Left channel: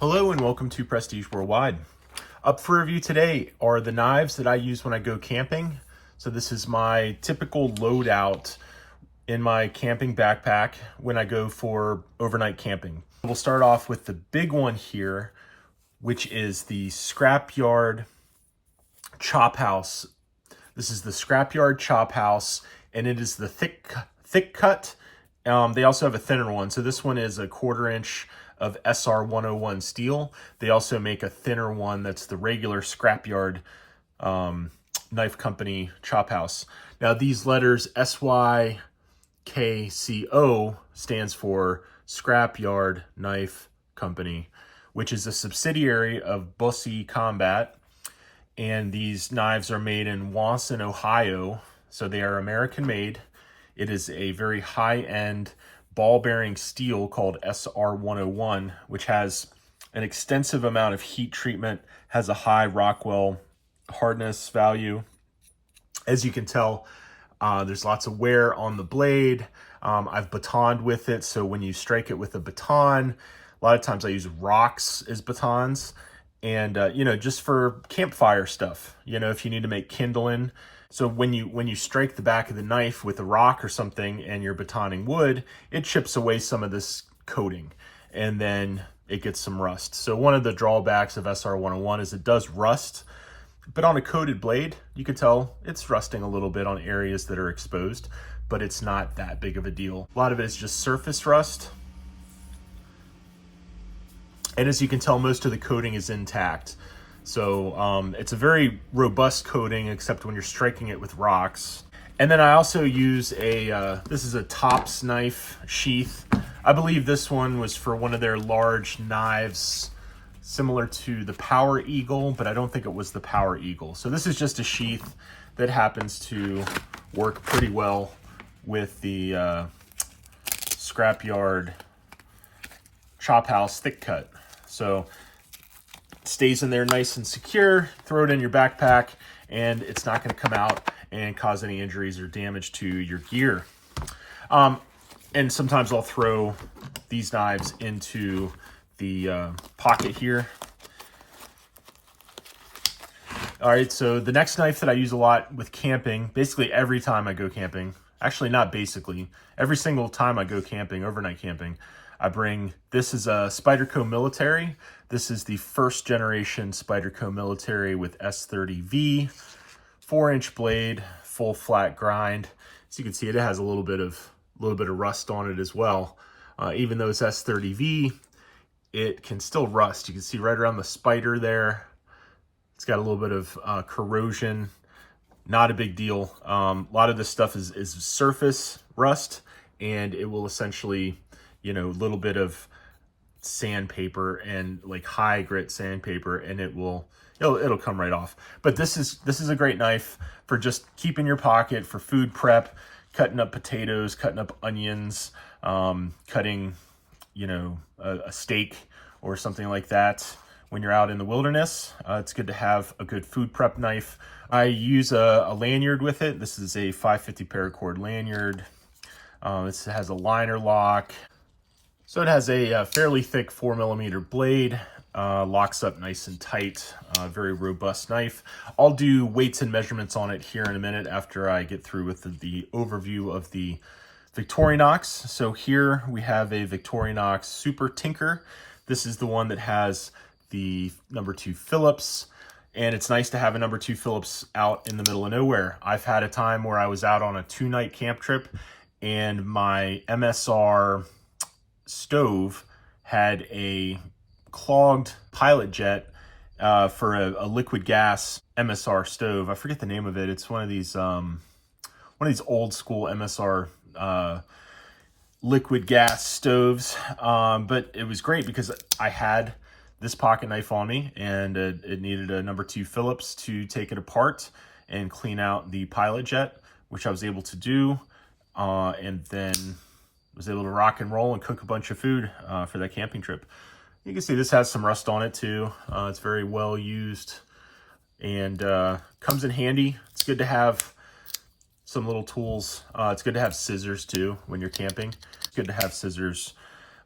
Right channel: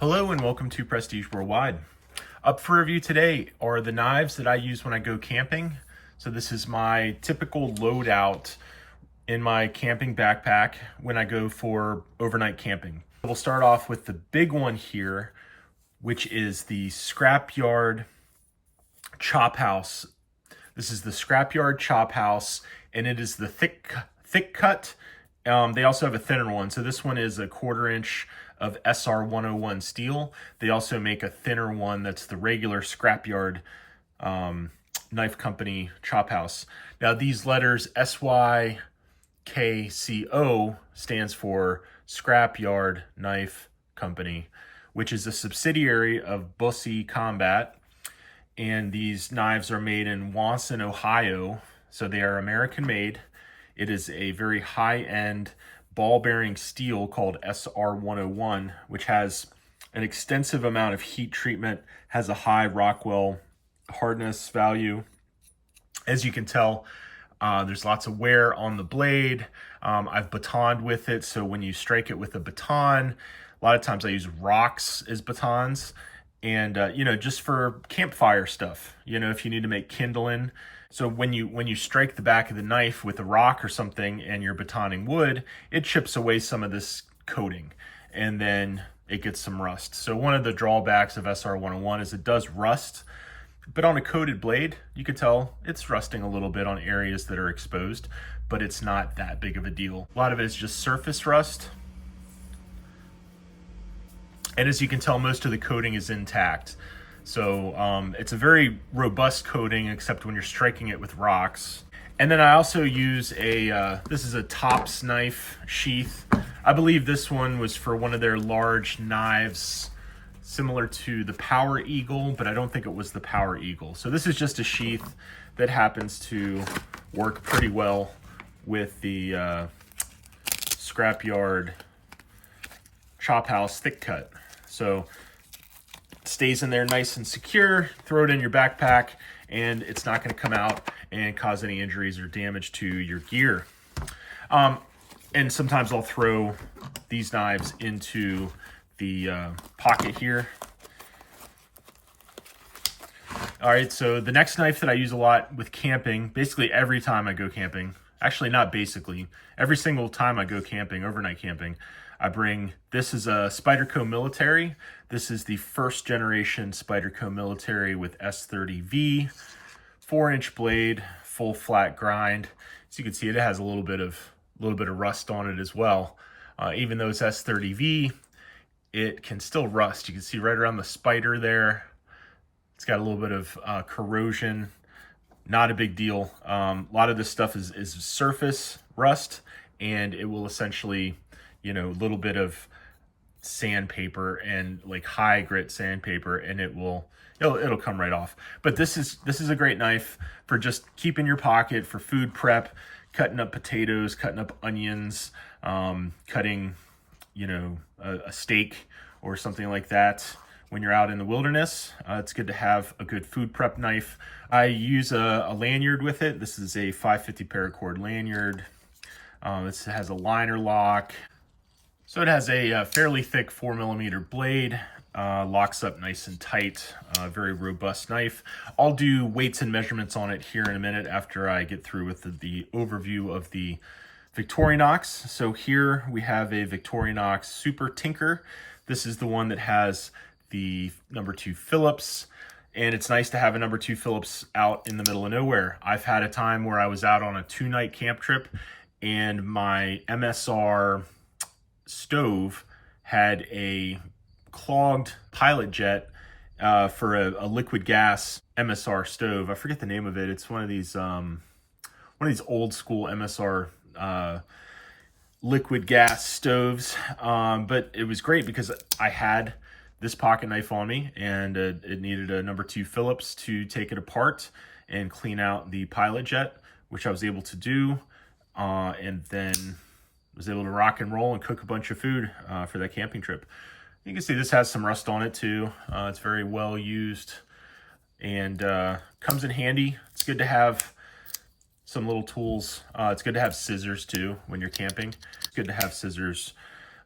Hello and welcome to Prestige Worldwide. Up for review today are the knives that I use when I go camping. So this is my typical loadout in my camping backpack when I go for overnight camping. We'll start off with the big one here, which is the Scrapyard Chophouse. This is the Scrapyard Chophouse, and it is the thick cut. They also have a thinner one. So this one is a 1/4 inch of SR 101 steel. They also make a thinner one that's the regular Scrapyard knife company Chophouse. Now these letters SYKCO stands for Scrapyard Knife Company, which is a subsidiary of Busse Combat. And these knives are made in Wasson, Ohio. So they are American made. It is a very high-end ball-bearing steel called SR 101, which has an extensive amount of heat treatment, has a high Rockwell hardness value. As you can tell, there's lots of wear on the blade. I've batoned with it, so when you strike it with a baton, a lot of times I use rocks as batons. And, just for campfire stuff, if you need to make kindling. So when you strike the back of the knife with a rock or something and you're batoning wood, it chips away some of this coating and then it gets some rust. So one of the drawbacks of SR 101 is it does rust, but on a coated blade, you can tell it's rusting a little bit on areas that are exposed, but it's not that big of a deal. A lot of it is just surface rust. And as you can tell, most of the coating is intact. So it's a very robust coating, except when you're striking it with rocks. And then I also use this is a Tops knife sheath. I believe this one was for one of their large knives, similar to the Power Eagle, but I don't think it was the Power Eagle. So this is just a sheath that happens to work pretty well with the Scrapyard Chophouse thick cut. So stays in there nice and secure. Throw it in your backpack and it's not going to come out and cause any injuries or damage to your gear. And sometimes I'll throw these knives into the pocket here. All right, so the next knife that I use a lot with camping, basically every time I go camping, actually not basically, every single time I go camping, overnight camping, I bring, this is a Spyderco Military. This is the first generation Spyderco Military with S30V, 4-inch blade, full flat grind. As you can see, it has a little bit of rust on it as well. Even though it's S30V, it can still rust. You can see right around the spider there. It's got a little bit of corrosion. Not a big deal. A lot of this stuff is surface rust, and it will essentially, a little bit of sandpaper and like high grit sandpaper, and it'll come right off. But this is a great knife for just keeping your pocket for food prep, cutting up potatoes, cutting up onions, cutting, a steak or something like that. When you're out in the wilderness, it's good to have a good food prep knife. I use a lanyard with it. This is a 550 paracord lanyard. This has a liner lock. So it has a fairly thick 4mm blade, locks up nice and tight, very robust knife. I'll do weights and measurements on it here in a minute after I get through with the overview of the Victorinox. So here we have a Victorinox Super Tinker. This is the one that has the #2 Phillips, and it's nice to have a #2 Phillips out in the middle of nowhere. I've had a time where I was out on a 2-night camp trip and my MSR stove had a clogged pilot jet for a liquid gas MSR stove. I forget the name of it. It's one of these old school MSR liquid gas stoves. But it was great because I had this pocket knife on me, and it needed a #2 Phillips to take it apart and clean out the pilot jet, which I was able to do, and then was able to rock and roll and cook a bunch of food for that camping trip. You can see this has some rust on it too. It's very well used and comes in handy. It's good to have some little tools. It's good to have scissors too when you're camping. It's good to have scissors.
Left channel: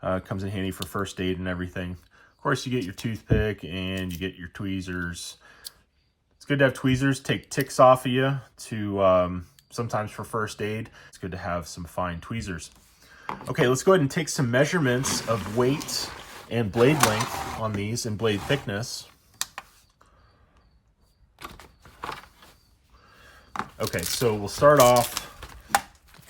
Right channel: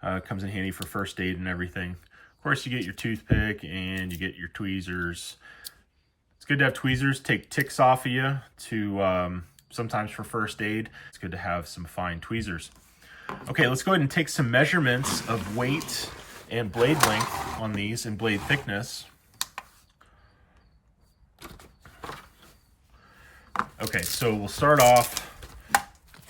Comes in handy for first aid and everything. Of course, you get your toothpick and you get your tweezers. It's good to have tweezers, take ticks off of you to sometimes for first aid. It's good to have some fine tweezers. Okay, let's go ahead and take some measurements of weight and blade length on these and blade thickness. Okay, so we'll start off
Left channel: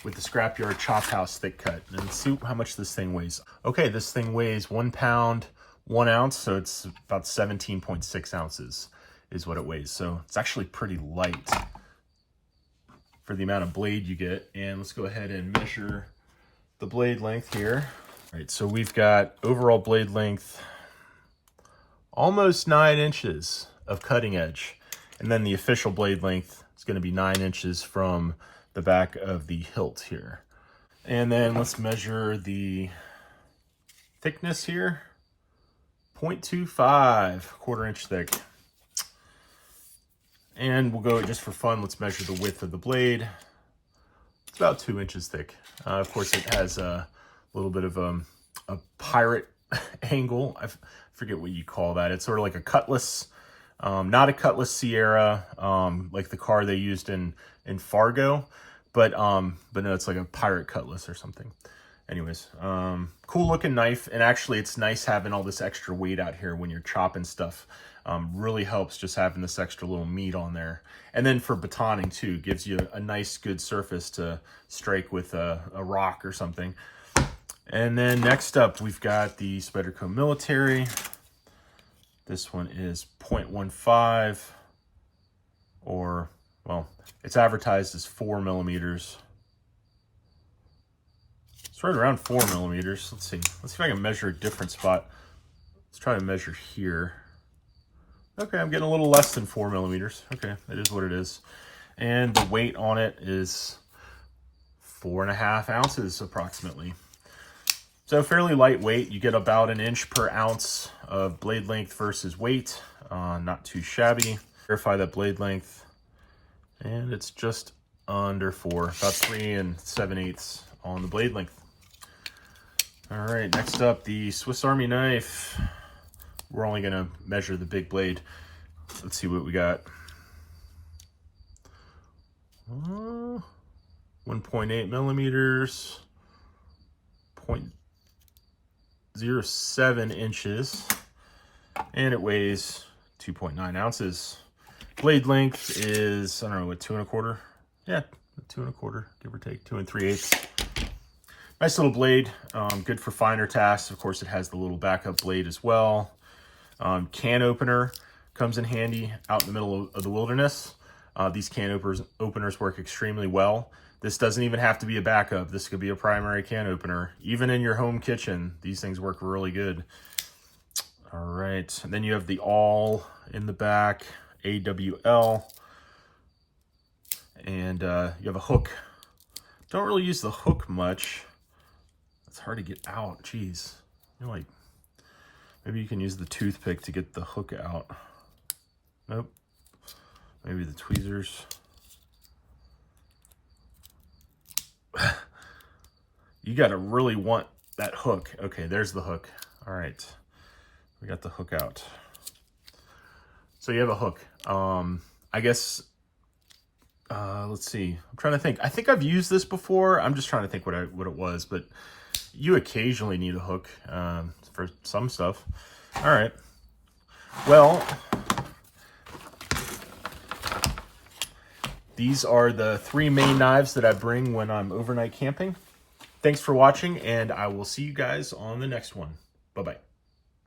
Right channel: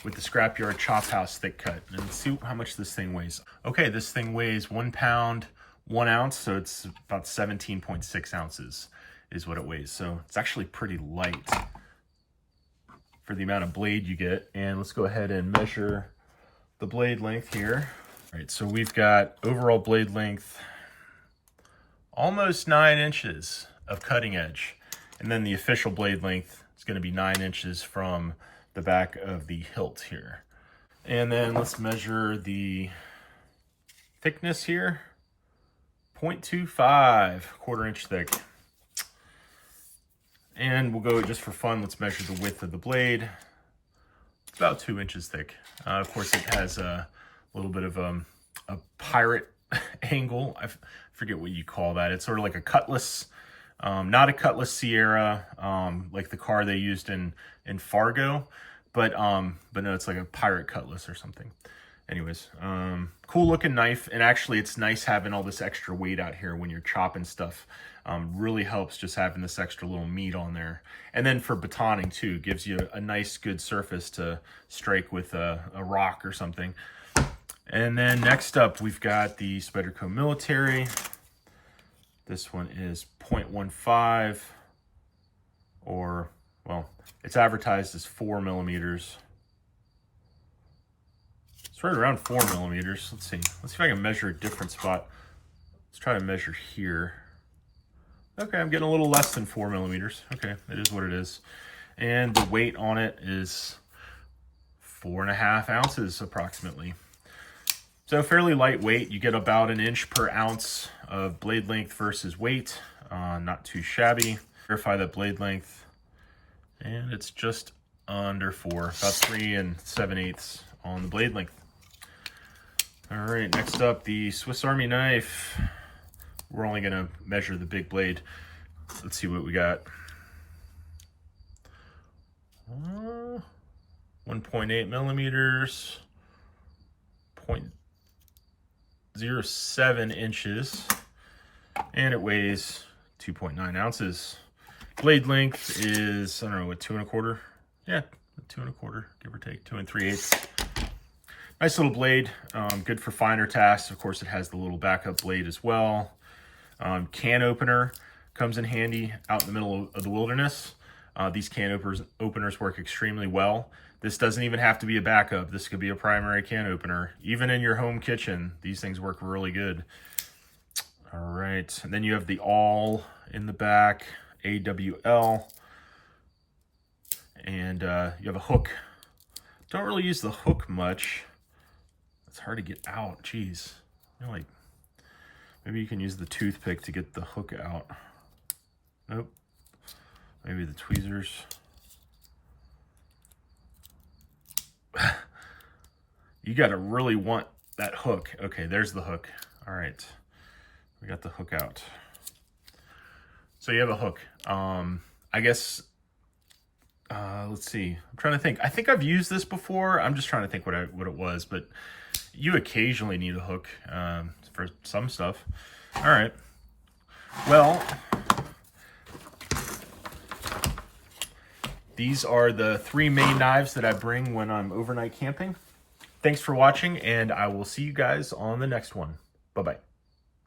with the Scrapyard Chophouse thick cut and see how much this thing weighs. Okay, this thing weighs 1 pound, 1 ounce, so it's about 17.6 ounces is what it weighs. So it's actually pretty light for the amount of blade you get. And let's go ahead and measure the blade length here. All right, so we've got overall blade length, almost 9 inches of cutting edge. And then the official blade length is going to be 9 inches from the back of the hilt here. And then let's measure the thickness here. 0.25, 1/4 inch thick. And we'll go, just for fun, let's measure the width of the blade. It's about 2 inches thick. Of course, it has a little bit of a pirate angle. I forget what you call that. It's sort of like a cutlass, not a Cutlass Sierra, like the car they used in Fargo, but no, it's like a pirate cutlass or something. Anyways, cool looking knife, and actually it's nice having all this extra weight out here when you're chopping stuff. Really helps just having this extra little meat on there. And then for batoning too, gives you a nice good surface to strike with a rock or something. And then next up, we've got the Spyderco Military. This one is 0.15, or, well, it's advertised as 4 millimeters. It's right around 4 millimeters. Let's see. Let's see if I can measure a different spot. Let's try to measure here. Okay, I'm getting a little less than 4 millimeters. Okay, it is what it is. And the weight on it is 4.5 ounces approximately. So fairly lightweight. You get about 1 inch per ounce of blade length versus weight. Not too shabby. Verify that blade length. And it's just under 4, about 3 7/8 on the blade length. All right, next up, the Swiss Army knife. We're only gonna measure the big blade. Let's see what we got. 1.8 millimeters, 0.07 inches, and it weighs 2.9 ounces. Blade length is, I don't know, what, 2 1/4? Yeah, 2 1/4, give or take, 2 3/8. Nice little blade, good for finer tasks. Of course, it has the little backup blade as well. Can opener comes in handy out in the middle of the wilderness. These can openers work extremely well. This doesn't even have to be a backup. This could be a primary can opener. Even in your home kitchen, these things work really good. All right, and then you have the awl in the back, AWL, and you have a hook. Don't really use the hook much. It's hard to get out, geez. You're like, maybe you can use the toothpick to get the hook out. Nope. Maybe the tweezers. You gotta really want that hook. Okay, there's the hook. All right, we got the hook out. So you have a hook. I guess, let's see. I'm trying to think. I think I've used this before. I'm just trying to think what it was, but you occasionally need a hook for some stuff. All right. Well, these are the 3 main knives that I bring when I'm overnight camping. Thanks for watching, and I will see you guys on the next one. Bye-bye.